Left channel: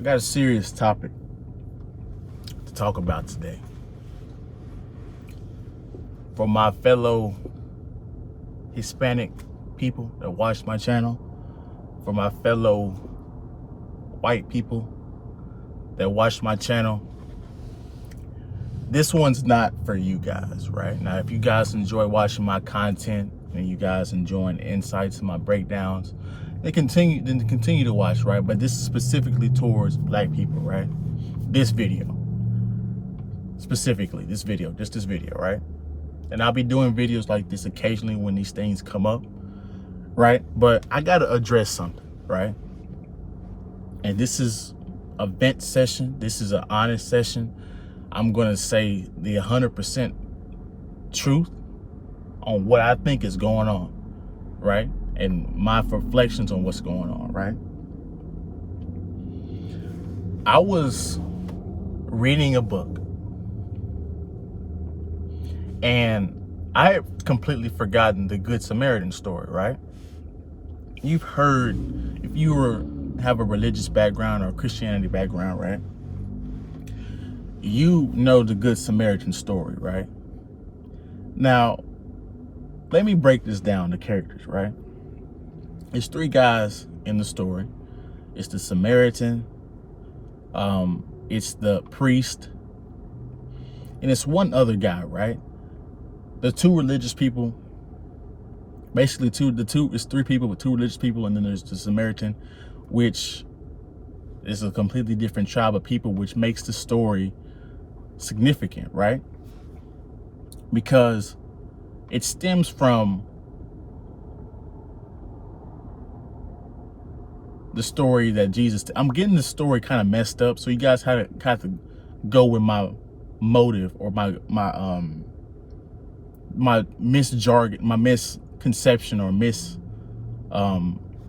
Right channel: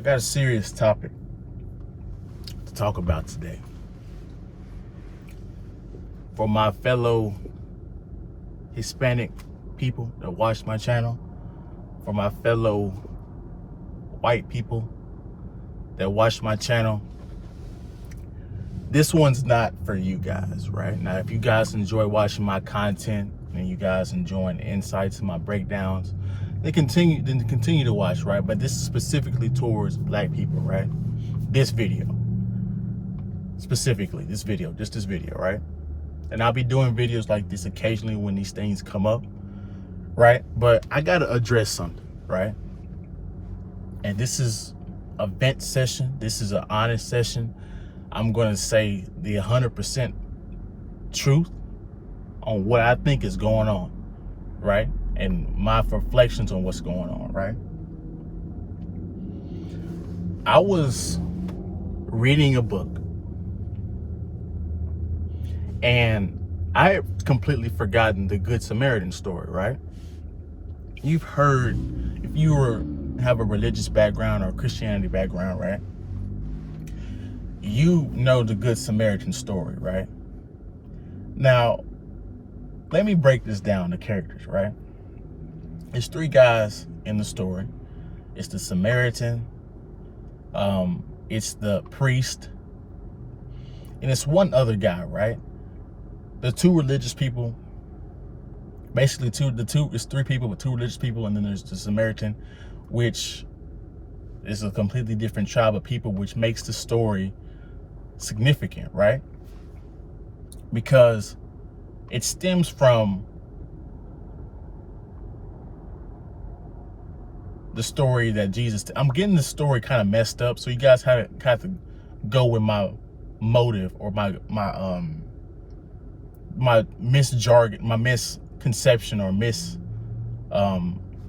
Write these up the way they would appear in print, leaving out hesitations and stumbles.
I got a serious topic to talk about today. For my fellow Hispanic people that watch my channel, for my fellow white people that watch my channel, this one's not for you guys, right? Now, if you guys enjoy watching my content and you guys enjoying insights and my breakdowns, then continue to watch, right? But this is specifically towards black people, right? This video, specifically, just this video, right? And I'll be doing videos like this occasionally when these things come up, right? But I gotta address something, right? And this is a vent session. This is an honest session. I'm gonna say the 100% truth on what I think is going on, right? And my reflections on what's going on, right? I was reading a book and I had completely forgotten the Good Samaritan story, right? You've heard, if you have a religious background or Christianity background, right? You know the Good Samaritan story, right? Now, let me break this down, the characters, right? There's three guys in the story. It's the Samaritan, it's the priest, and it's one other guy, right? The two religious people, basically it's three people with two religious people, and then there's the Samaritan, which is a completely different tribe of people, which makes the story significant, right? Because it stems from the story that Jesus, I'm getting the story kind of messed up, so you guys have to go with my motive or my misjargon, my misconception or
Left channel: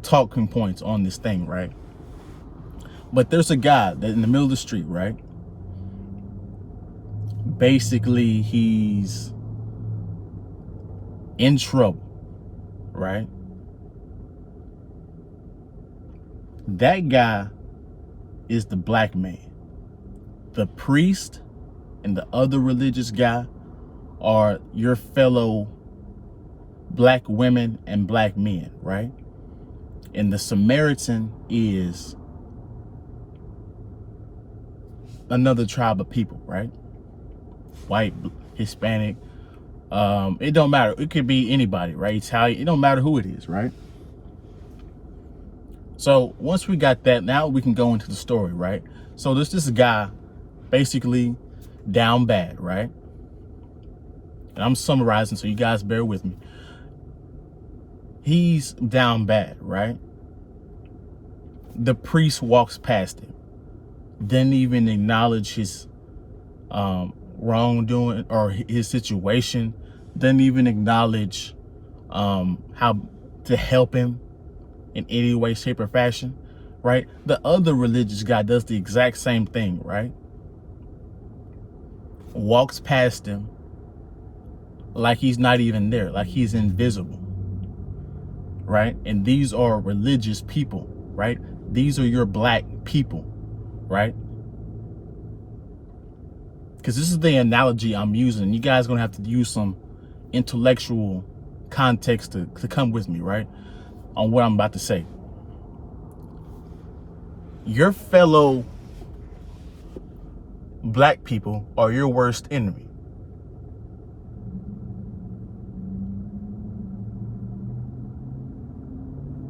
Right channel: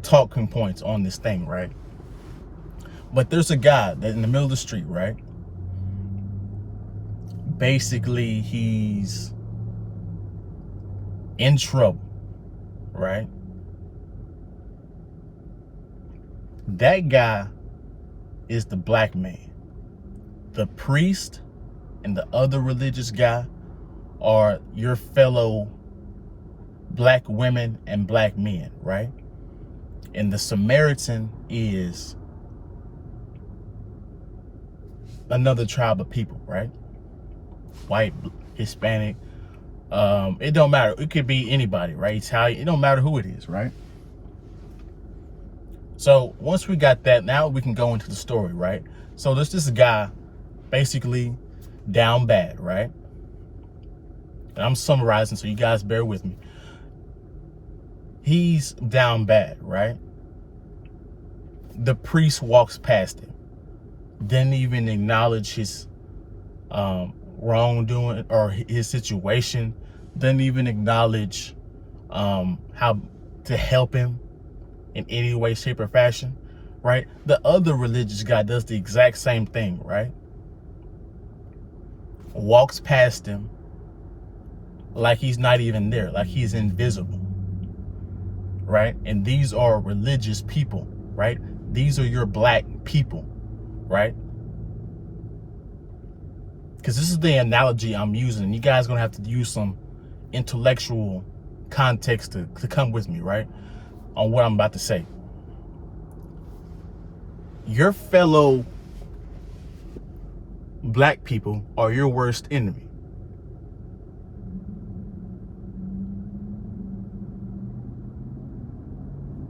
talking points on this thing, right? But there's a guy that in the middle of the street, right? Basically, he's in trouble, right? That guy is the black man. The priest and the other religious guy are your fellow black women and black men, right? And the Samaritan is another tribe of people, right? White, Hispanic, it don't matter. It could be anybody, right? Italian, it don't matter who it is, right? So once we got that, now we can go into the story, right? So there's this guy basically down bad, right? And I'm summarizing, so you guys bear with me. He's down bad, right? The priest walks past him, didn't even acknowledge his wrongdoing or his situation, didn't even acknowledge how to help him in any way, shape, or fashion, right? The other religious guy does the exact same thing, right? Walks past him like he's not even there, like he's invisible, right? And these are religious people, right? These are your black people, right? Because this is the analogy I'm using. You guys are gonna have to use some intellectual context to come with me, right? On what I'm about to say. Your fellow black people are your worst enemy.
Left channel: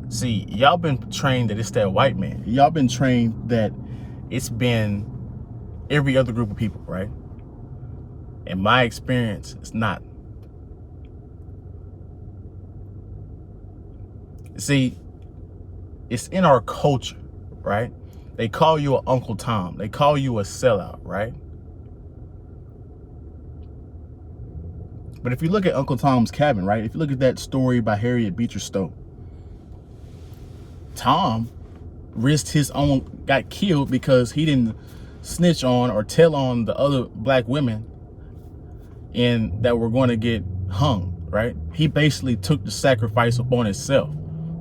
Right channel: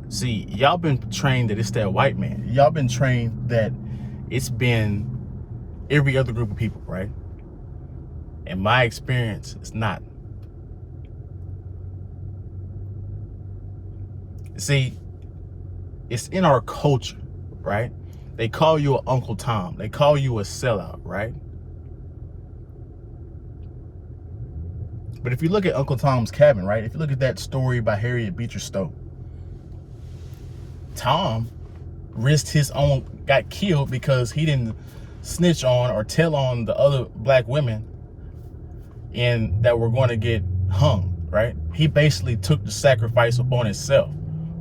See, y'all been trained that it's that white man. Y'all been trained that it's been every other group of people, right? In my experience, it's not. See, it's in our culture, right? They call you an Uncle Tom. They call you a sellout, right? But if you look at Uncle Tom's Cabin, right? If you look at that story by Harriet Beecher Stowe, Tom risked his own, got killed because he didn't snitch on or tell on the other black women and that were going to get hung, right? He basically took the sacrifice upon himself,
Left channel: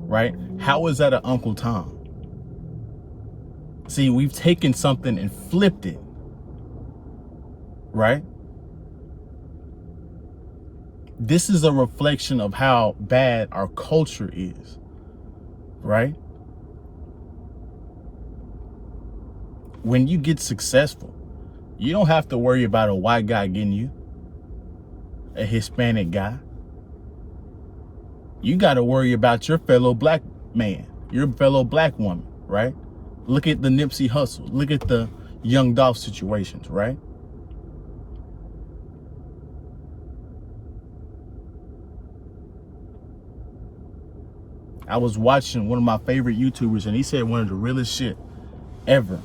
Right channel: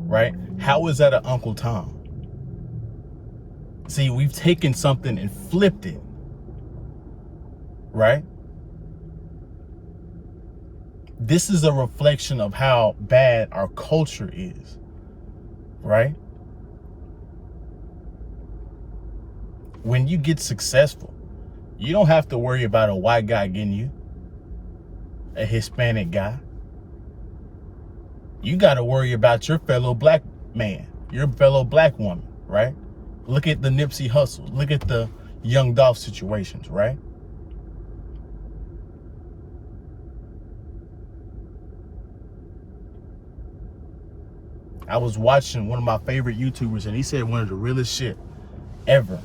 right? How is that an Uncle Tom? See, we've taken something and flipped it, right? This is a reflection of how bad our culture is, right? When you get successful, you don't have to worry about a white guy getting you, a Hispanic guy. You got to worry about your fellow black man, your fellow black woman, right? Look at the Nipsey Hussle. Look at the Young Dolph situations, right? I was watching one of my favorite YouTubers, and he said one of the realest shit ever,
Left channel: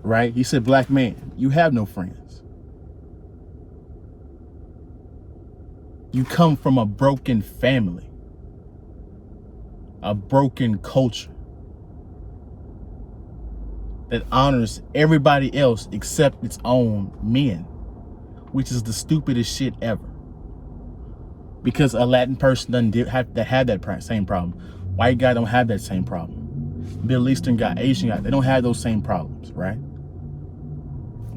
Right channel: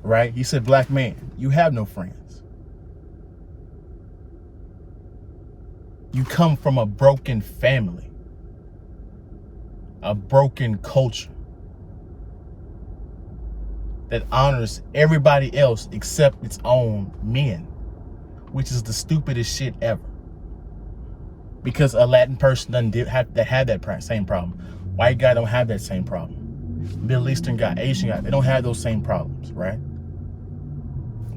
right? He said, black man, you have no friends. You come from a broken family, a broken culture that honors everybody else except its own men, which is the stupidest shit ever. Because a Latin person doesn't have that same problem. White guy don't have that same problem. Middle Eastern guy, Asian guy, they don't have those same problems, right?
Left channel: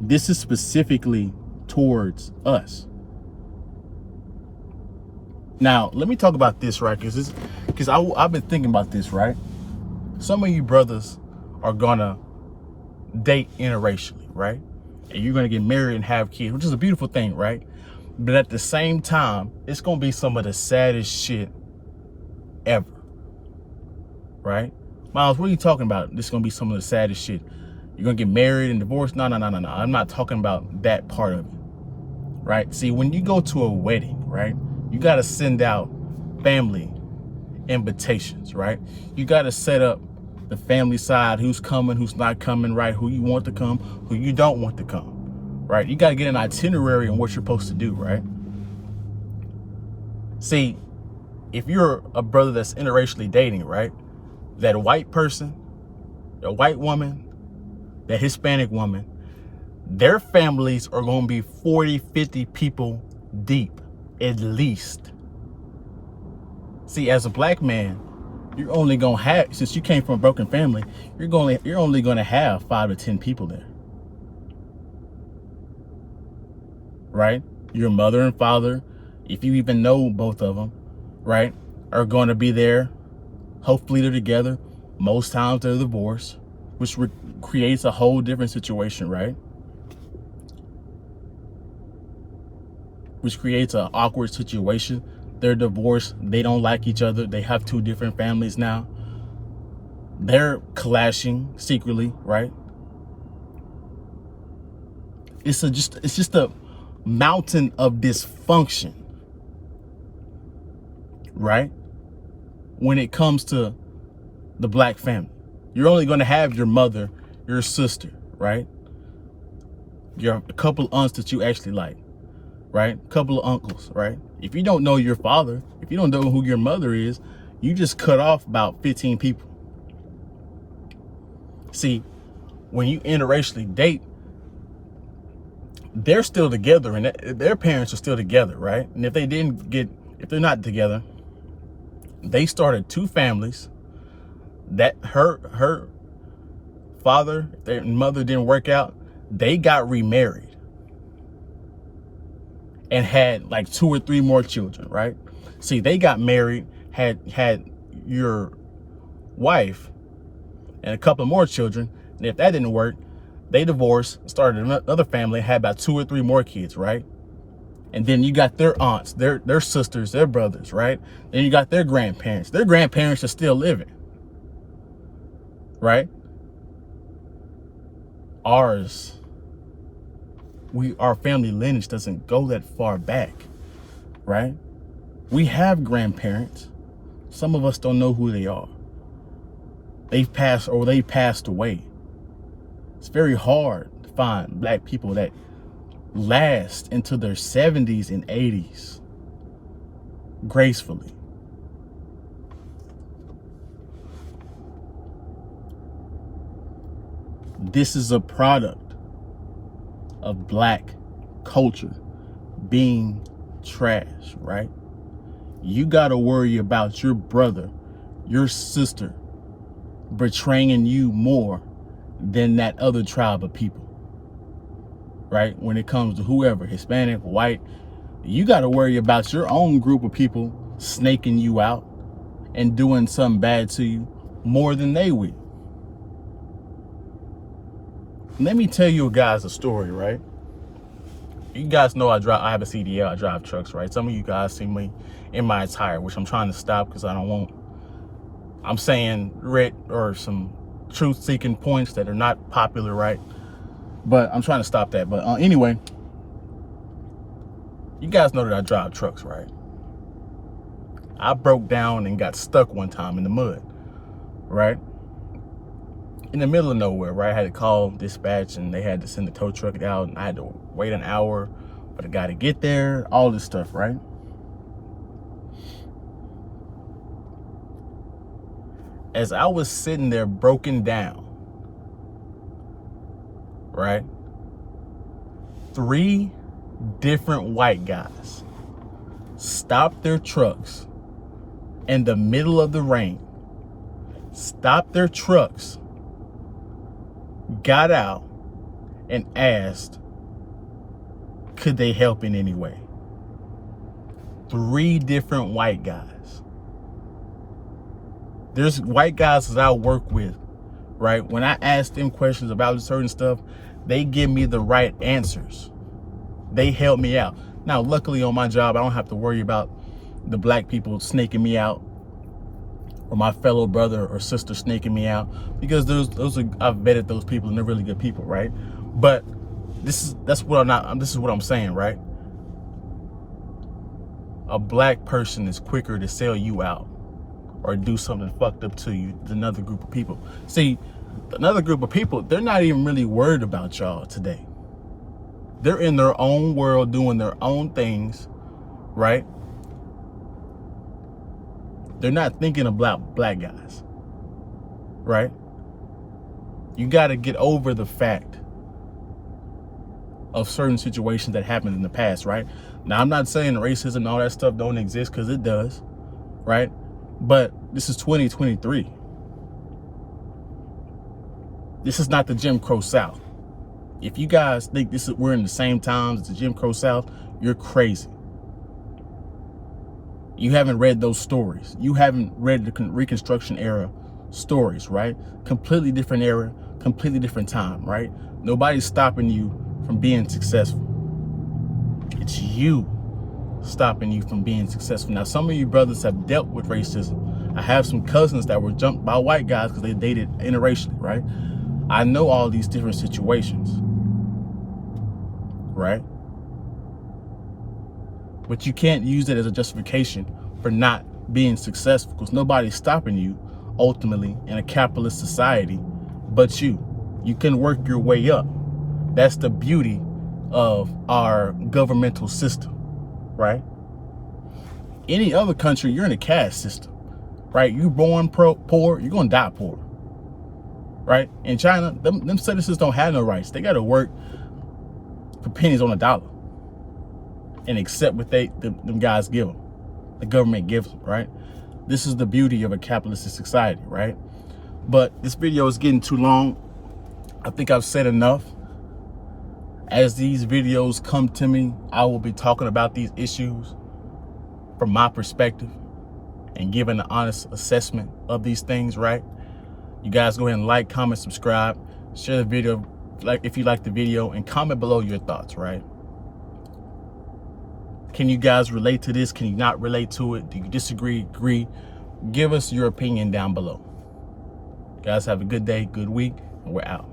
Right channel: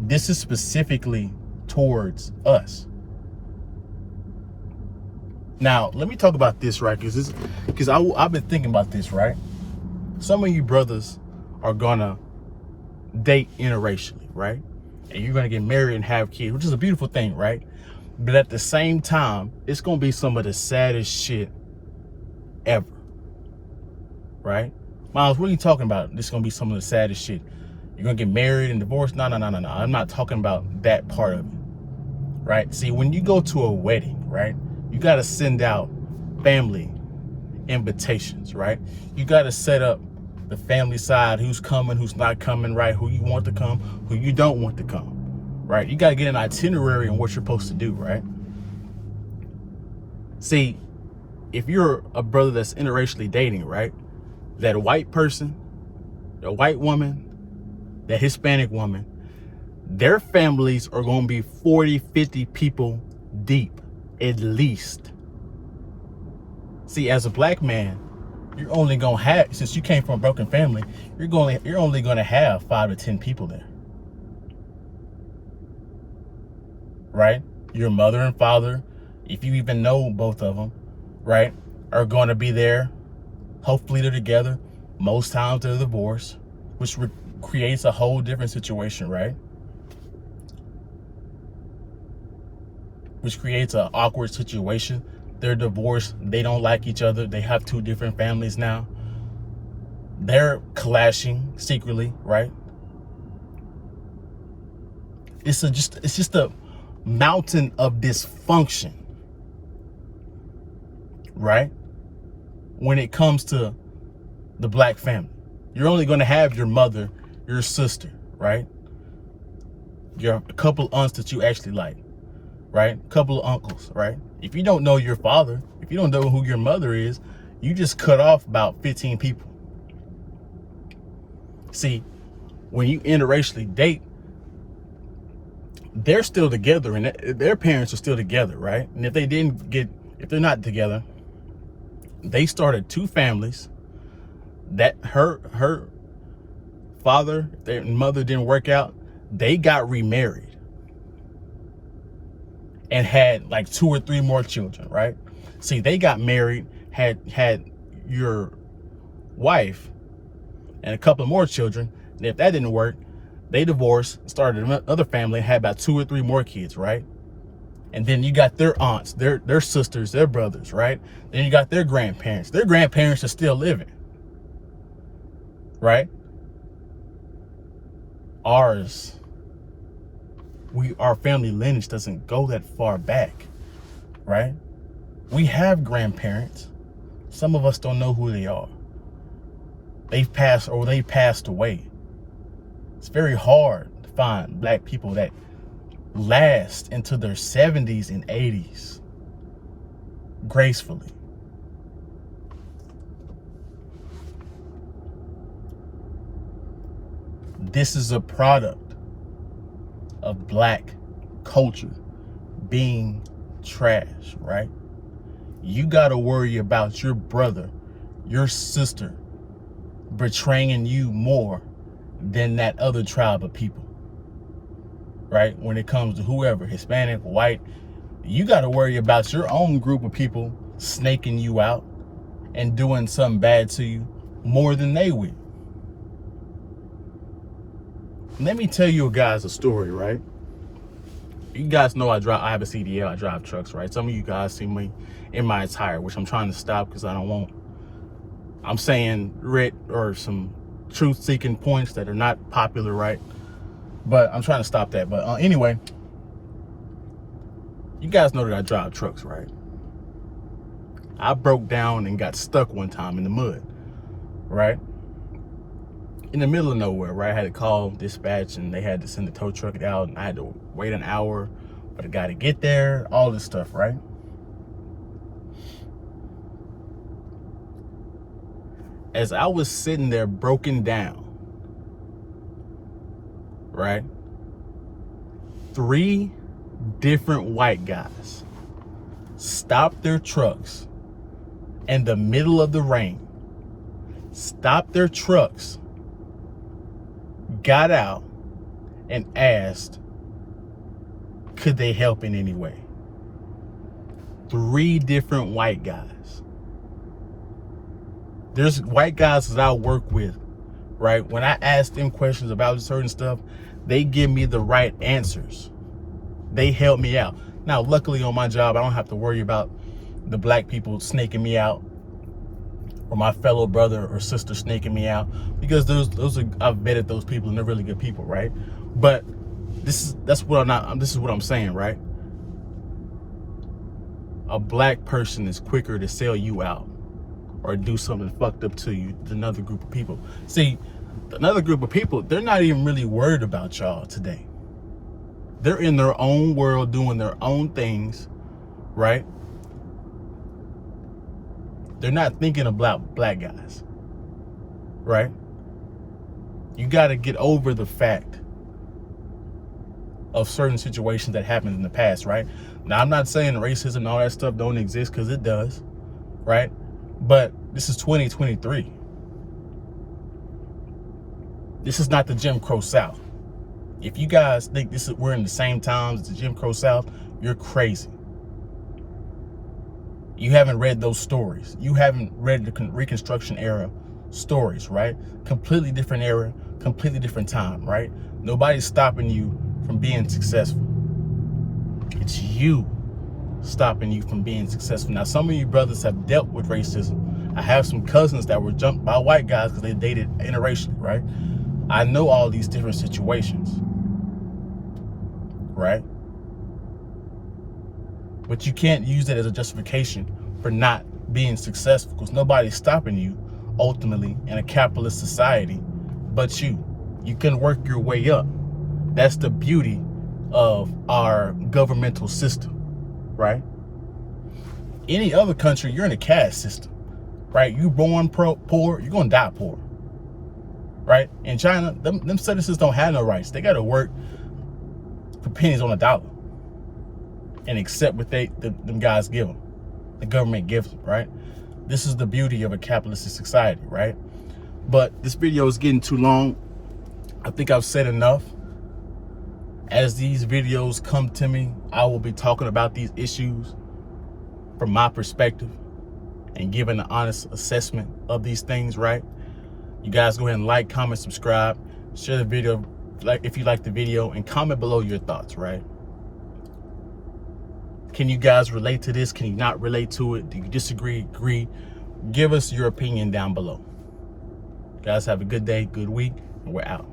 This is specifically towards us. Now, let me talk about this, right? Because I've been thinking about this, right? Some of you brothers are gonna date interracially, right? And you're gonna get married and have kids, which is a beautiful thing, right? But at the same time, it's gonna be some of the saddest shit ever, right? Miles, what are you talking about? This is gonna be some of the saddest shit. You're gonna get married and divorced? No. I'm not talking about that part of it, right? See, when you go to a wedding, right, you gotta send out family invitations, right? You gotta set up the family side, who's coming, who's not coming, right? Who you want to come, who you don't want to come, right? You gotta get an itinerary on what you're supposed to do, right? See, if you're a brother that's interracially dating, right, that white person, a white woman, that Hispanic woman, their families are gonna be 40, 50 people deep, at least. See, as a black man, you're only gonna have, since you came from a broken family, you're only gonna have 5 to 10 people there, right? Your mother and father, if you even know both of them, right, are gonna be there. Hopefully they're together. Most times they're divorced, which creates a whole different situation, right? Which creates an awkward situation. They're divorced. They don't like each other. They have 2 different families now. They're clashing secretly, right? It's just a mountain of dysfunction, right? When it comes to the black family, you're only going to have your mother, your sister, right? A couple of aunts that you actually like, right? A couple of uncles, right? If you don't know your father, if you don't know who your mother is, you just cut off about 15 people. See, when you interracially date, they're still together and their parents are still together, right? And if they're not together, they started 2 families that her father, their mother didn't work out. They got remarried and had like 2 or 3 more children, right? See, they got married, had your wife and a couple more children. And if that didn't work, they divorced, started another family, had about 2 or 3 more kids, right? And then you got their aunts, their sisters, their brothers, right? Then you got their grandparents. Their grandparents are still living, right? Our family lineage doesn't go that far back, right? We have grandparents. Some of us don't know who they are. They passed away. It's very hard to find black people that last into their 70s and 80s gracefully. This is a product of black culture being trash, right? You got to worry about your brother, your sister betraying you more than that other tribe of people, right? When it comes to whoever, Hispanic, white, you got to worry about your own group of people snaking you out and doing something bad to you more than they will. Let me tell you guys a story, right? You guys know I have a CDL, I drive trucks, right? Some of you guys see me in my attire, which I'm trying to stop because I'm saying or some truth-seeking points that are not popular, right? But I'm trying to stop that. But anyway, you guys know that I drive trucks, right? I broke down and got stuck one time in the mud, right? In the middle of nowhere, right? I had to call dispatch and they had to send the tow truck out and I had to wait an hour for the guy to get there, all this stuff, right? As I was sitting there broken down, right? 3 different white guys stopped their trucks in the middle of the rain, stopped their trucks, got out and asked, could they help in any way? 3 different white guys. There's white guys that I work with, right? When I ask them questions about certain stuff, they give me the right answers. They help me out. Now, luckily on my job, I don't have to worry about the black people snaking me out or my fellow brother or sister snaking me out, because I've vetted those people and they're really good people, right? But this is what I'm saying, right? A black person is quicker to sell you out or do something fucked up to you than another group of people. See, another group of people, they're not even really worried about y'all today. They're in their own world doing their own things, right? They're not thinking about black guys, right? You got to get over the fact of certain situations that happened in the past, right? Now, I'm not saying racism and all that stuff don't exist, because it does, right? But this is 2023. This is not the Jim Crow South. If you guys think we're in the same times as the Jim Crow South, you're crazy. You haven't read those stories. You haven't read the Reconstruction era stories, right? Completely different era, completely different time, right? Nobody's stopping you from being successful. It's you stopping you from being successful. Now, some of you brothers have dealt with racism. I have some cousins that were jumped by white guys because they dated interracially, right? I know all these different situations, right? But you can't use it as a justification for not being successful, because nobody's stopping you ultimately in a capitalist society but you. You can work your way up. That's the beauty of our governmental system, right? Any other country, you're in a caste system, right? You born poor, you're gonna die poor, right? In China, them citizens don't have no rights. They gotta work for pennies on a dollar and accept what them guys give them, the government gives them, right? This is the beauty of a capitalistic society, right? But this video is getting too long. I think I've said enough. As these videos come to me, I will be talking about these issues from my perspective and giving an honest assessment of these things, right? You guys go ahead and like, comment, subscribe, share the video if you like the video, and comment below your thoughts, right? Can you guys relate to this? Can you not relate to it? Do you disagree, agree? Give us your opinion down below. Guys, have a good day, good week, and we're out.